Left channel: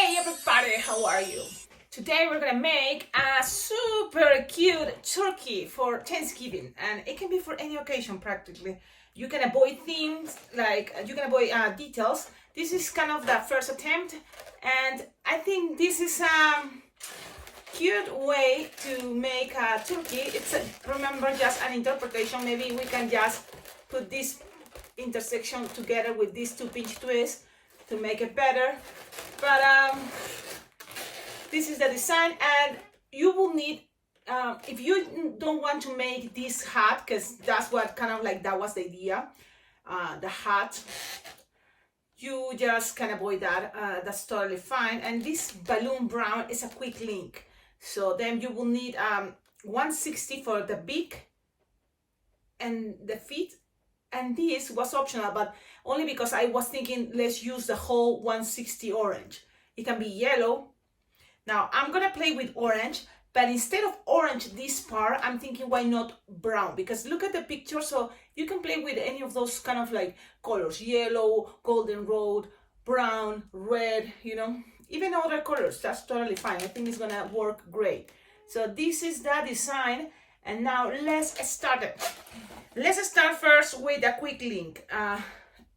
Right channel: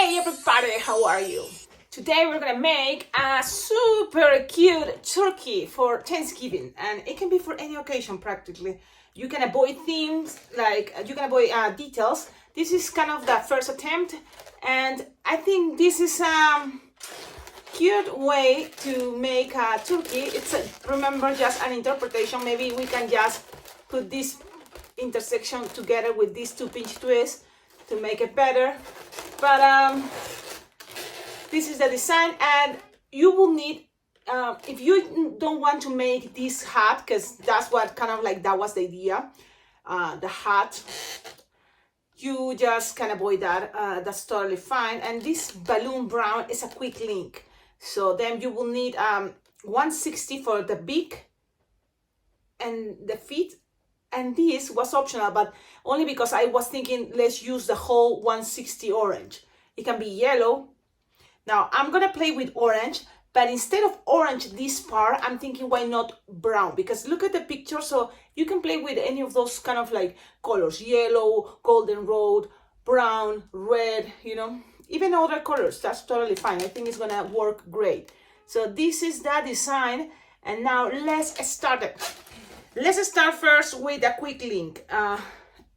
Hey everybody, how are you? Today we're gonna make a super cute turkey for Thanksgiving, and it can be for any occasion practically. You can avoid themes, like you can avoid details. This is kind of the first attempt, and I think this is a cute way to make a turkey. It's remember, just an interpretation. Maybe we can just put this intersection together with these two pinch twists to make it better, but this is the design, and you will need if you don't want to make this hat, because that's what kind of like that was the idea, the hat, you just can avoid that. That's totally fine. And this balloon brown is a quick link, so then you will need 160 for the beak and the feet. And this was optional, but only because I was thinking let's use the whole 160 orange. It can be yellow. Now I'm gonna play with orange, but instead of orange this part, I'm thinking why not brown? Because look at the picture, so you can play with any of those kind of like colors, yellow, golden road, brown, red, you know, even other colors. That's totally fine. I think it's gonna work great. So this is the design, and now let's start it. Let's start first with a quick link.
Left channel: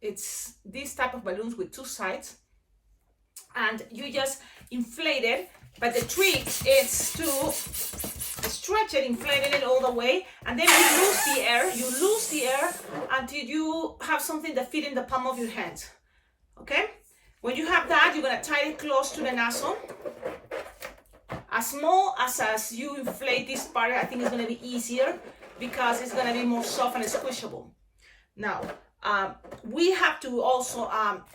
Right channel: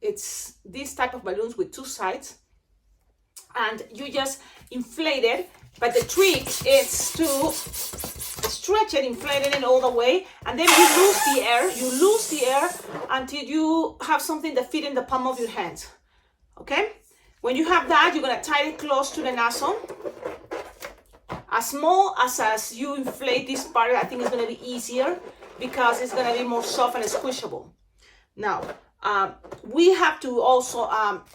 It's this type of balloons with two sides, and you just inflate it, but the trick is to stretch it, inflate it all the way, and then you lose the air. You lose the air until you have something that fits in the palm of your hand. Okay? When you have that, you're gonna tie it close to the nozzle. As small as you inflate this part, I think it's gonna be easier, because it's going to be more soft and squishable. Now, we have to also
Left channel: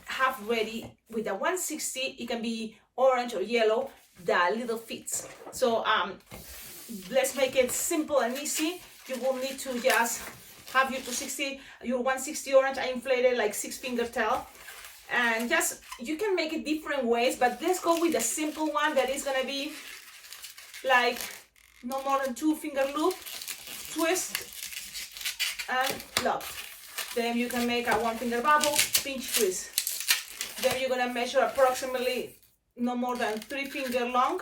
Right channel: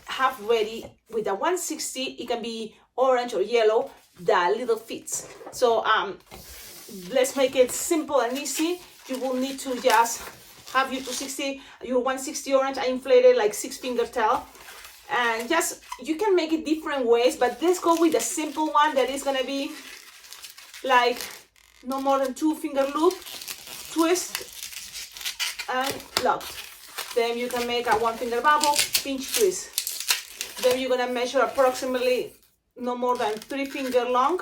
have ready with the 160, it can be orange or yellow, the little feet. So let's make it simple and easy. You will need to just have your 260, your 160 orange, I inflated like 6-finger tail. And just, you can make it different ways, but let's go with the simple one that is going to be like no more than 2-finger loop, twist and lock. Then you can make a 1-finger bubble, pinch twist. Then you're gonna measure approximately no more than 3-finger long,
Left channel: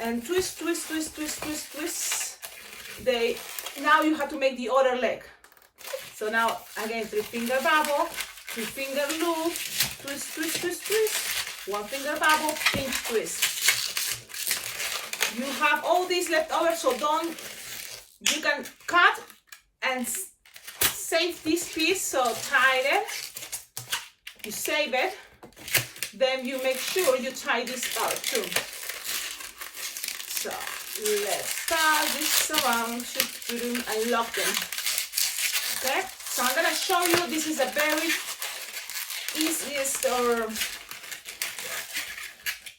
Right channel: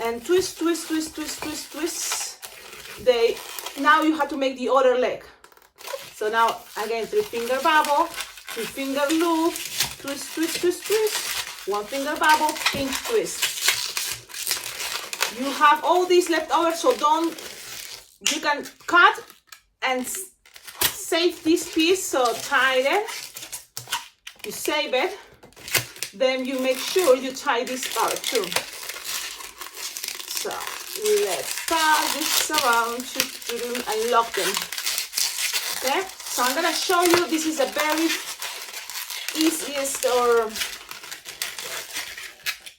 and twist, twist, twist, twist, twist, twist. Now you have to make the other leg. So now again, 3-finger bubble, 3-finger loop, twist, twist, twist, twist, 1-finger bubble, pinch twist. You have all these left over, so you can cut and save this piece, so tie it, you save it, then you make sure you tie this part too. So let's tie this around and lock them. Okay, so I'm gonna show you, this is a very easiest or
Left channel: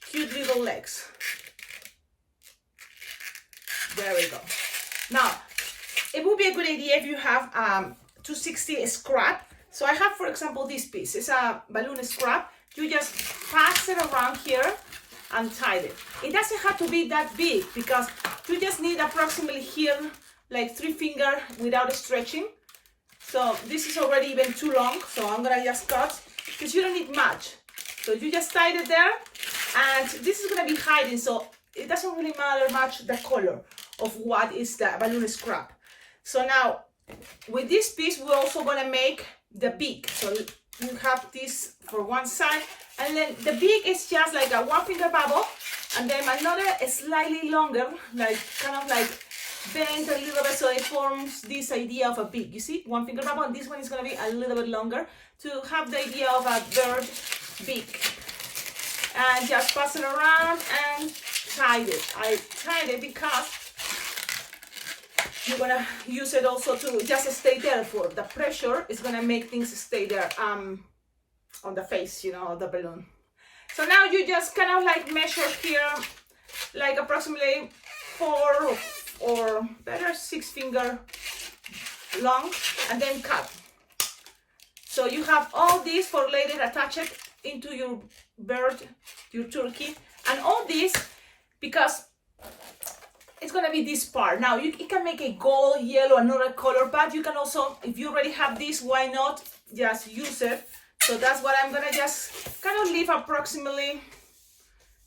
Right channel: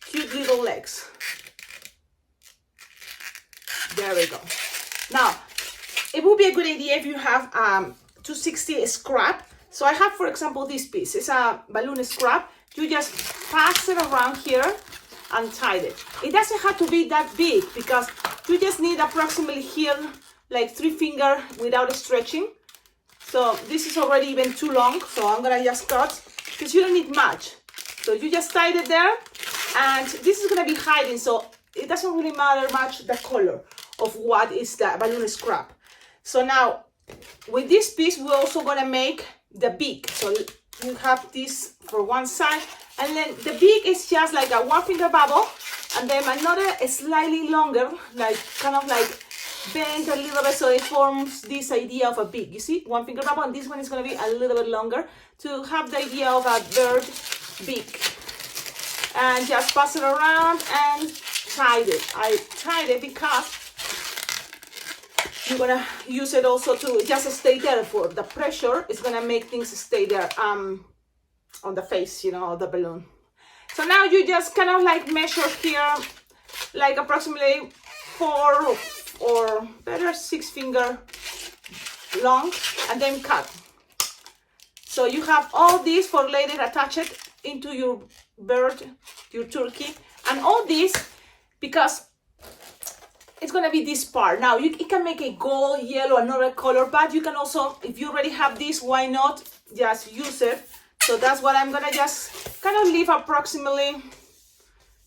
cute little legs. There we go. Now, it would be a good idea if you have 260 scrap. So I have, for example, this piece. It's a balloon scrap. You just pass it around here and tie it. It doesn't have to be that big, because you just need approximately here, like 3-finger without stretching. So this is already even too long, so I'm gonna just cut, because you don't need much. So you just tie it there, and this is gonna be hiding, so it doesn't really matter much the color of what is the balloon scrap. So now with this piece we're also going to make the beak. So you have this for one side, and then the beak is just like a 1-finger bubble, and then another slightly longer, like kind of like bent a little bit, so it forms this idea of a beak. You see, 1-finger bubble, and this one is going to be a little bit longer to have the idea of a bird beak. And just pass it around and tied it. I tied it because you're gonna use it also to just stay there. For the pressure is gonna make things stay there on the face, you know, of the balloon. So now you just kind of like measure here like approximately 4 or better 6-finger long, and then cut. So you have all this for later, attach it into your bird, your turkey, and all this, because it's gonna be this part. Now you can make a gold, yellow, another color, but you can also, if you already have this, why not just use it? So that's what I'm gonna just kind of leave approximately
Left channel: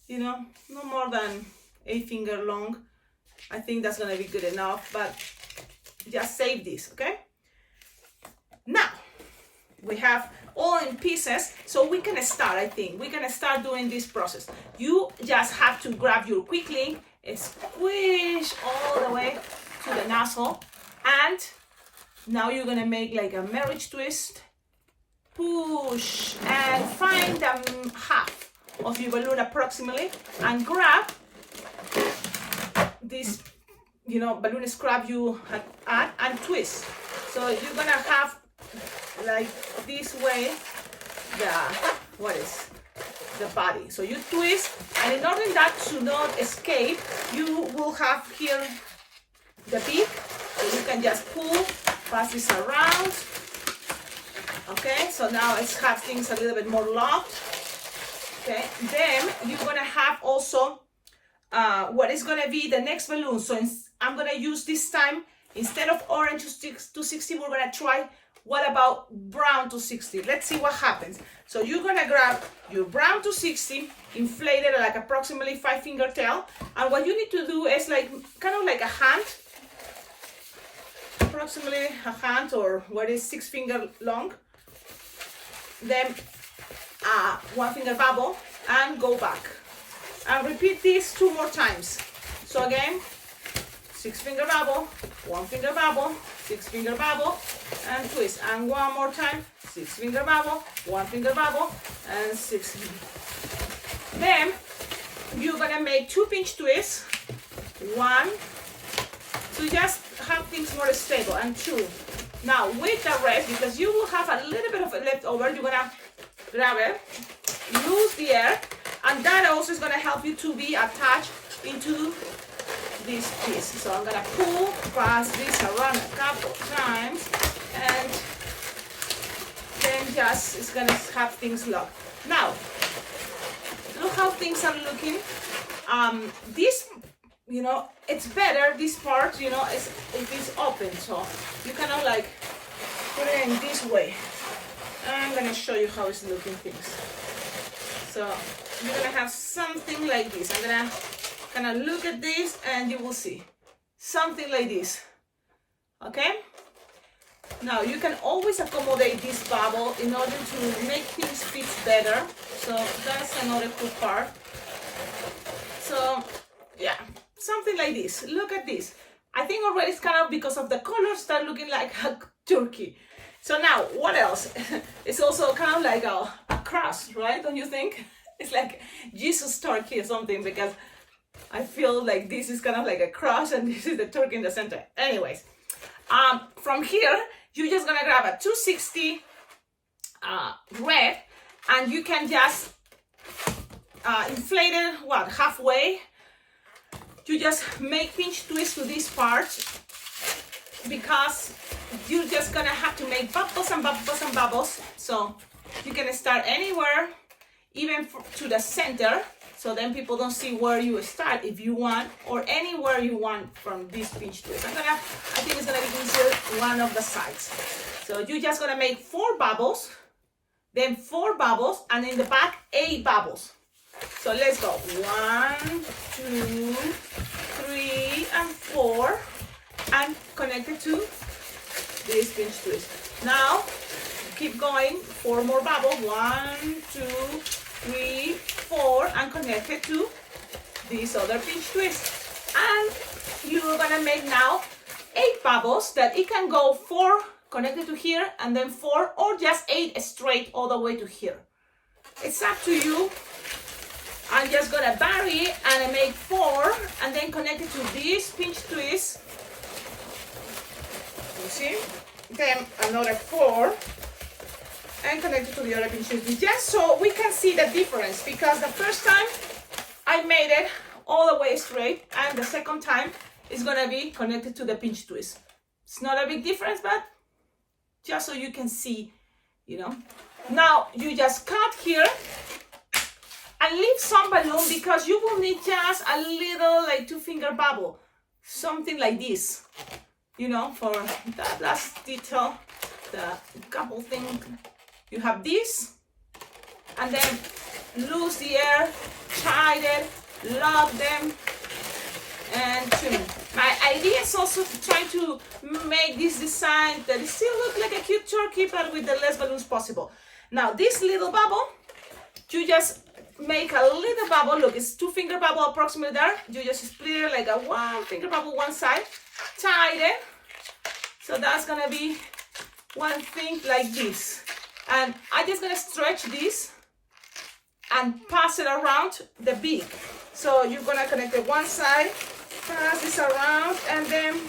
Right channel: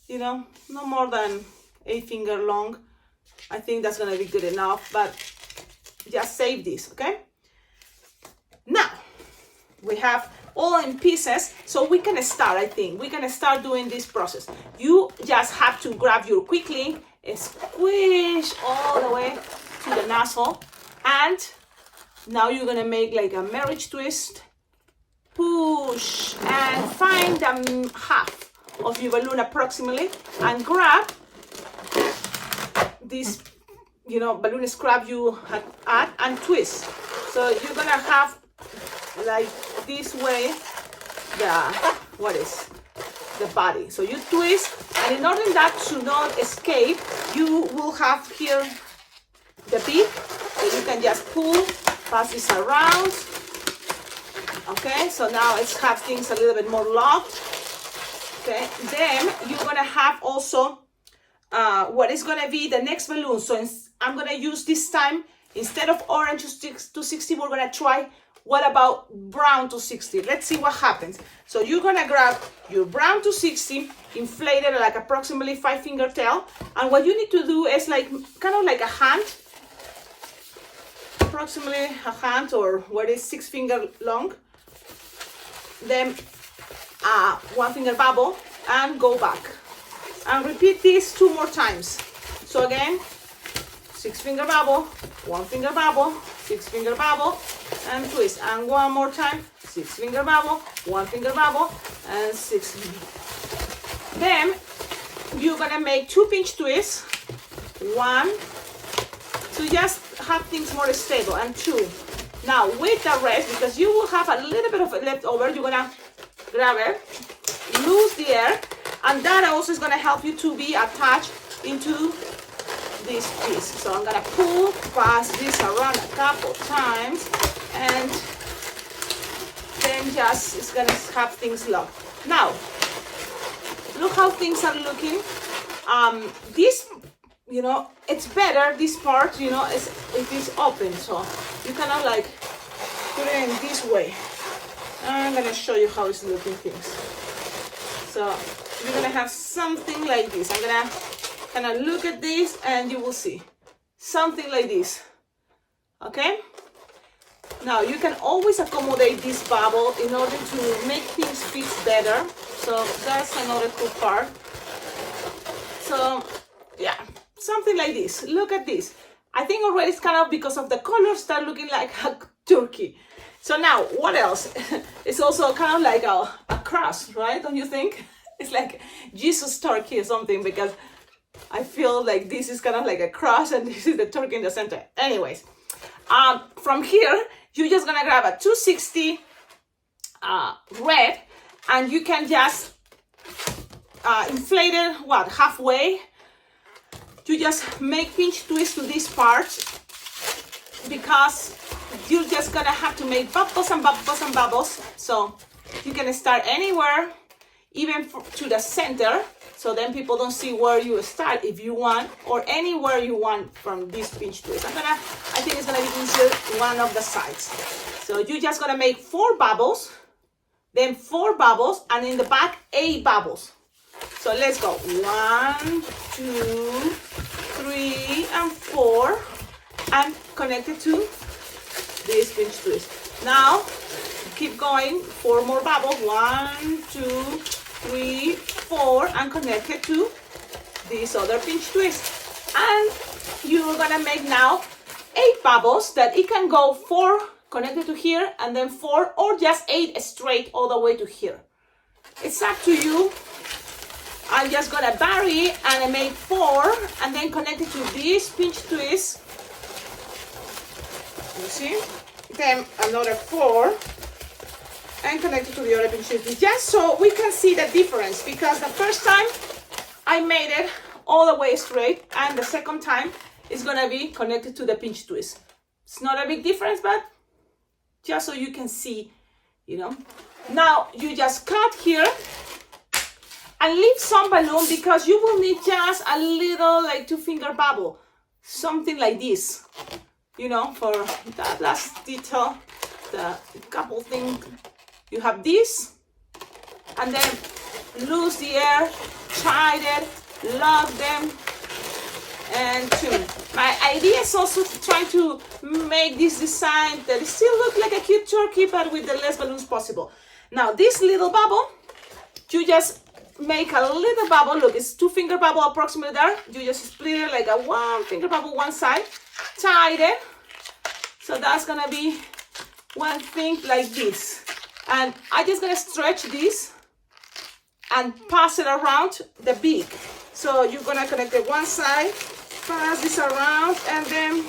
you know, no more than 8 finger long. I think that's gonna be good enough, but just save this, okay? Now, we have all in pieces, so we can start, I think. We're gonna start doing this process. You just have to grab your quicklink, squish all the way to the nozzle, and now you're gonna make like a marriage twist, push, and find the half of your balloon approximately, and grab this, you know, balloon scrap you had add and twist. So you're gonna have like this way the body. So you twist, and in order that to not escape, you will have here the beak, so you can just pull, pass this around. Okay, so now let's have things a little bit more locked. Okay, then you're gonna have also what is gonna be the next balloon. So I'm gonna use this time, instead of orange 260, we're gonna try, what about brown 260? Let's see what happens. So you're gonna grab your brown 260, inflate it like approximately 5 finger tail, and what you need to do is like kind of like a hand, approximately a hand, or what is 6 finger long. Then 1 finger bubble and go back, and repeat this 2 more times. So again, 6 finger bubble, 1 finger bubble, 6 finger bubble, and twist, and 1 more time, 6 finger bubble, 1 finger bubble, and 6. Then you're gonna make 2 pinch twists, 1 to just have things more stable, and 2. Now with the rest, because you will have a little bit of it left over, you're gonna grab it, lose the air, and that also is gonna help you to be attached into this piece. So I'm gonna pull, pass this around a couple times, and then just it's gonna have things locked. Now, look how things are looking. This, you know, it's better, this part, you know, if it's open, so you kind of like put it in this way. I'm gonna show you how it's looking things. So you're gonna have something like this. I'm gonna kind of look at this, and you will see something like this. Okay, now you can always accommodate this bubble in order to make things fit better. So that's another cool part. So yeah, something like this. Look at this. I think already it's kind of, because of the colors, start looking like a turkey. So now what else? It's also kind of like a cross, right? Don't you think? It's like Jesus turkey or something, because I feel like this is kind of like a cross, and this is the turkey in the center. Anyways, from here, you're just gonna grab a 260 red, and you can just inflate it, halfway. You just make pinch twist to this part, because you're just gonna have to make bubbles and bubbles and bubbles. So you can start anywhere, even to the center, so then people don't see where you start if you want, or anywhere you want from this pinch twist. I think it's gonna be easier one of the sides. So you're just gonna make 4 bubbles, then 4 bubbles, and in the back 8 bubbles. So let's go. 1, 2, 3, and 4, and connect it to this pinch twist. Now keep going, 4 more bubbles. 1, 2, 3, 4, and connect it to this other pinch twist. And you're gonna make now 8 bubbles, that it can go 4 connected to here, and then 4, or just 8 straight all the way to here. It's up to you. I'm just gonna vary and make 4, and then connect it to this pinch twist. You see? Then another 4, and connect it to the other pinch twist, just so we can see the difference, because the first time I made it all the way straight, and the second time it's gonna be connected to the pinch twist. It's not a big difference, but just so you can see, you know. Now you just cut here and leave some balloon, because you will need just a little like 2 finger bubble, something like this, you know, for that last detail, the couple thing. You have this, and then lose the air, tighten, lock them, and tune. My idea is also to try to make this design that still look like a cute turkey, but with the less balloons possible. Now this little bubble, you just make a little bubble. Look, it's 2-finger bubble approximately there. You just split it like a 1-finger bubble one side, tighten. So that's gonna be one thing like this. And I'm just gonna stretch this and pass it around the beak. So you're gonna connect it one side, pass this around, and then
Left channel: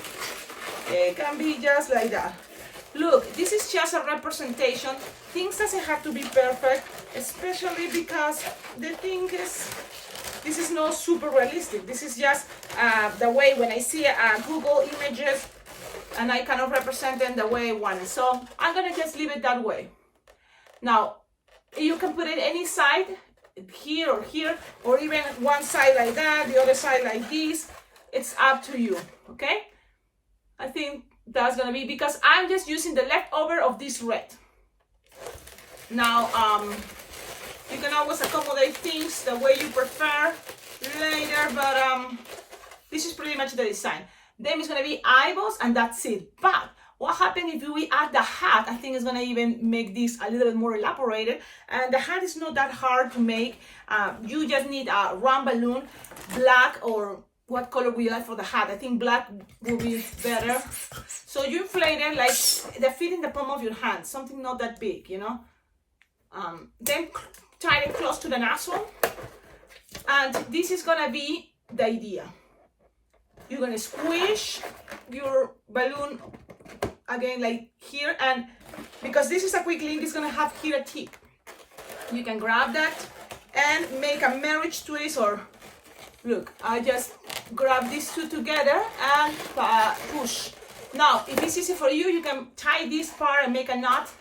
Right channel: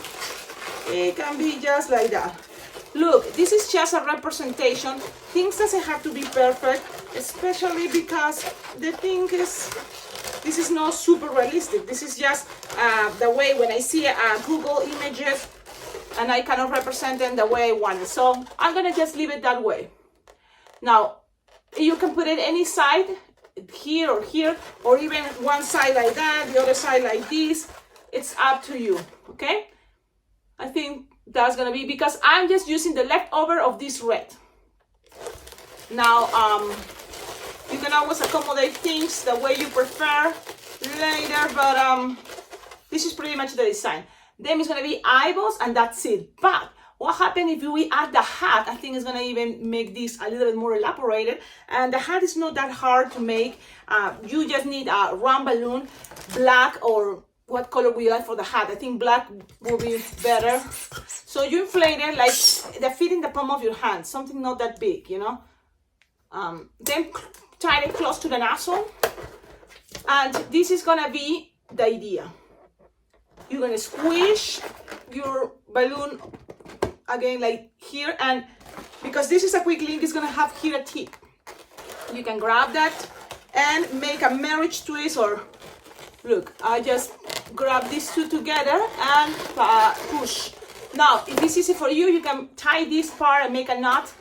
it can be just like that. Look, this is just a representation. Things doesn't have to be perfect, especially because the thing is, this is not super realistic. This is just the way when I see Google images, and I kind of represent them the way I want it. So I'm gonna just leave it that way. Now, you can put it any side, here, or even one side like that, the other side like this. It's up to you, okay? I think that's gonna be, because I'm just using the leftover of this red. Now, you can always accommodate things the way you prefer later, but this is pretty much the design. Then it's gonna be eyeballs, and that's it. But what happens if we add the hat? I think it's gonna even make this a little bit more elaborated. And the hat is not that hard to make. You just need a round balloon, black, or what color we like for the hat. I think black will be better. So you inflate it like they fit in the palm of your hand, something not that big, you know. Then tie it close to the nozzle. And this is gonna be the idea. You're gonna squish your balloon again like here, and because this is a quick link, it's gonna have here a tip. You can grab that and make a marriage twist, or look, I just grab these two together and push. Now, if it's easy for you, you can tie this part and make a knot.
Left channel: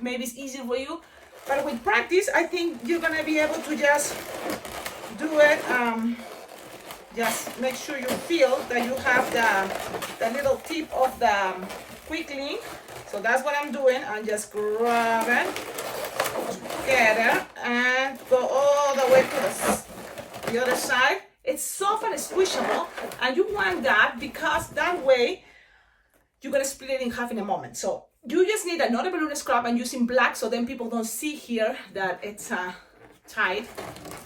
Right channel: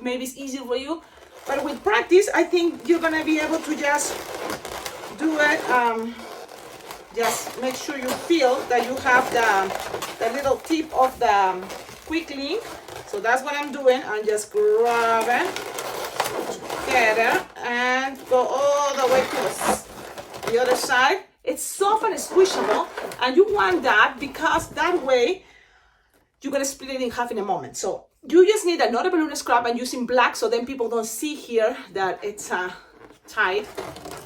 Maybe it's easy for you, but with practice, I think you're gonna be able to just do it. Just make sure you feel that you have the little tip of the quick link. So that's what I'm doing. I'm just grab it together and go all the way to the other side. It's soft and squishable, and you want that because that way you're gonna split it in half in a moment. So you just need another balloon scrap and using black, so then people don't see here that it's tied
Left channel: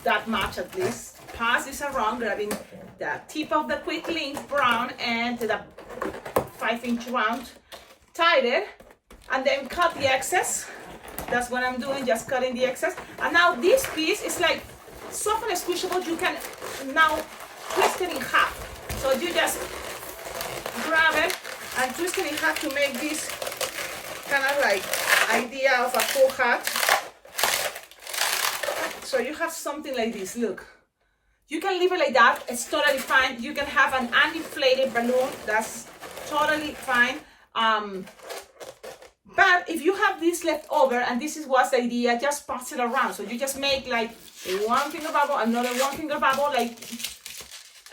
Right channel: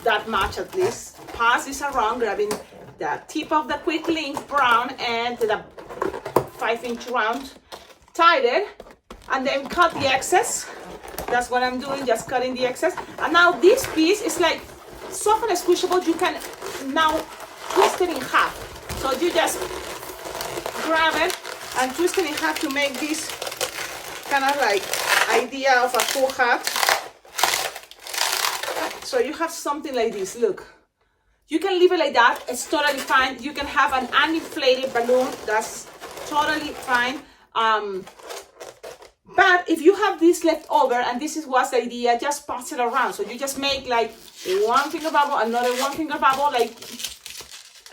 that much at least. Pass this around, grabbing the tip of the quick link brown and the 5-inch round, tied it, and then cut the excess. That's what I'm doing, just cutting the excess. And now this piece is like soft and squishable. You can now twist it in half. So you just grab it and twist it in half to make this kind of like idea of a full hat. So you have something like this, look. You can leave it like that, it's totally fine. You can have an uninflated balloon, that's totally fine. But if you have this left over, and this is what's the idea, just pass it around. So you just make like 1-finger bubble, another 1-finger bubble, like,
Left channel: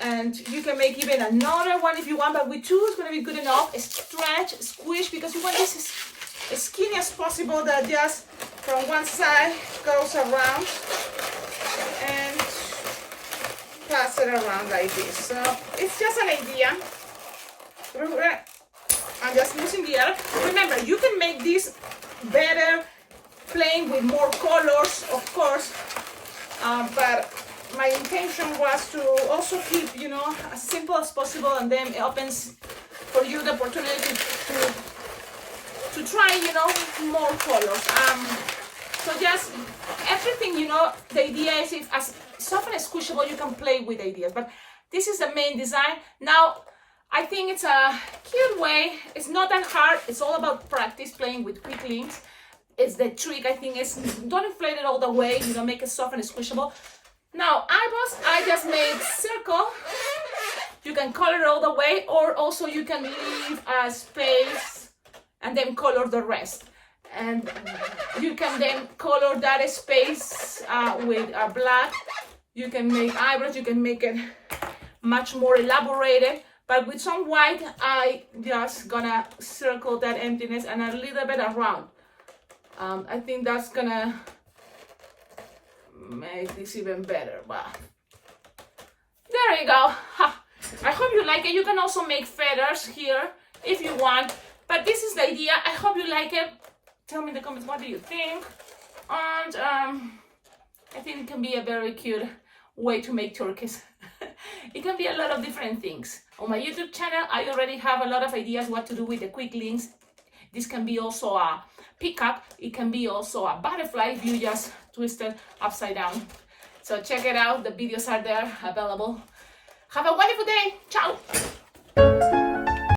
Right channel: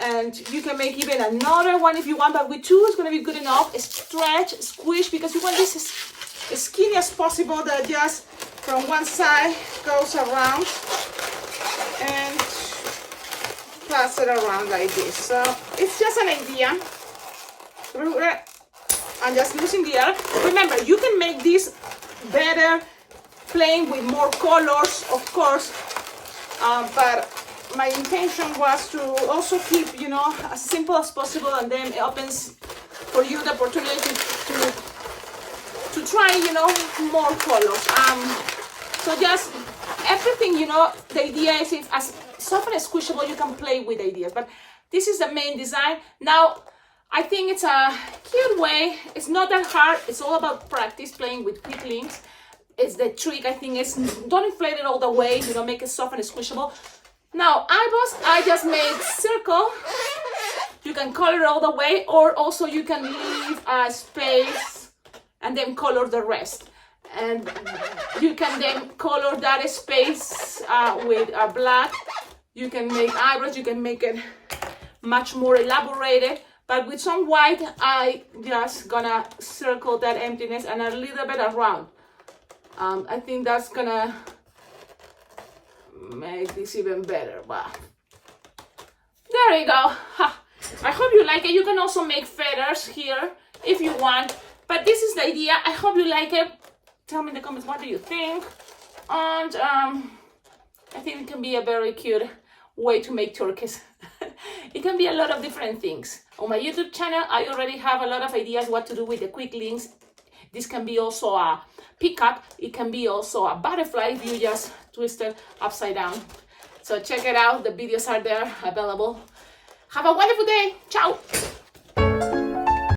and you can make even another one if you want, but with 2 is gonna be good enough. Stretch, squish, because you want this as skinny as possible, that just from one side goes around and pass it around like this. So it's just an idea. I'm just losing the air. Remember, you can make this better playing with more colors, of course, but my intention was to also keep, you know, as simple as possible, and then it opens for you the opportunity to try, you know, more colors. So just everything, you know, the idea is as soft and squishable you can play with ideas, but this is the main design. Now, I think it's a cute way. It's not that hard. It's all about practice, playing with quick links. It's the trick, I think, is don't inflate it all the way, you know, make it soft and squishable. Now, eyeballs, I just made circle. You can color all the way, or also you can leave a space and then color the rest. And you can then color that space with black. You can make eyebrows, you can make it much more elaborated. But with some white, I just gonna circle that emptiness and a little bit around. I think that's gonna make this even better, but there you go. Ha. I hope you like it. You can also make feathers here if you want, but this is the idea. I hope you like it. Tell me in the comments, what do you think? And I think it can be a very cute way to make turkeys. It can be a lot of different things. On my YouTube channel, I already have a lot of ideas what to do with the quick links. This can be also a pickup. It can be also a butterfly if you just twist it upside down. So check it out. The videos are there available. Have a wonderful day. Ciao.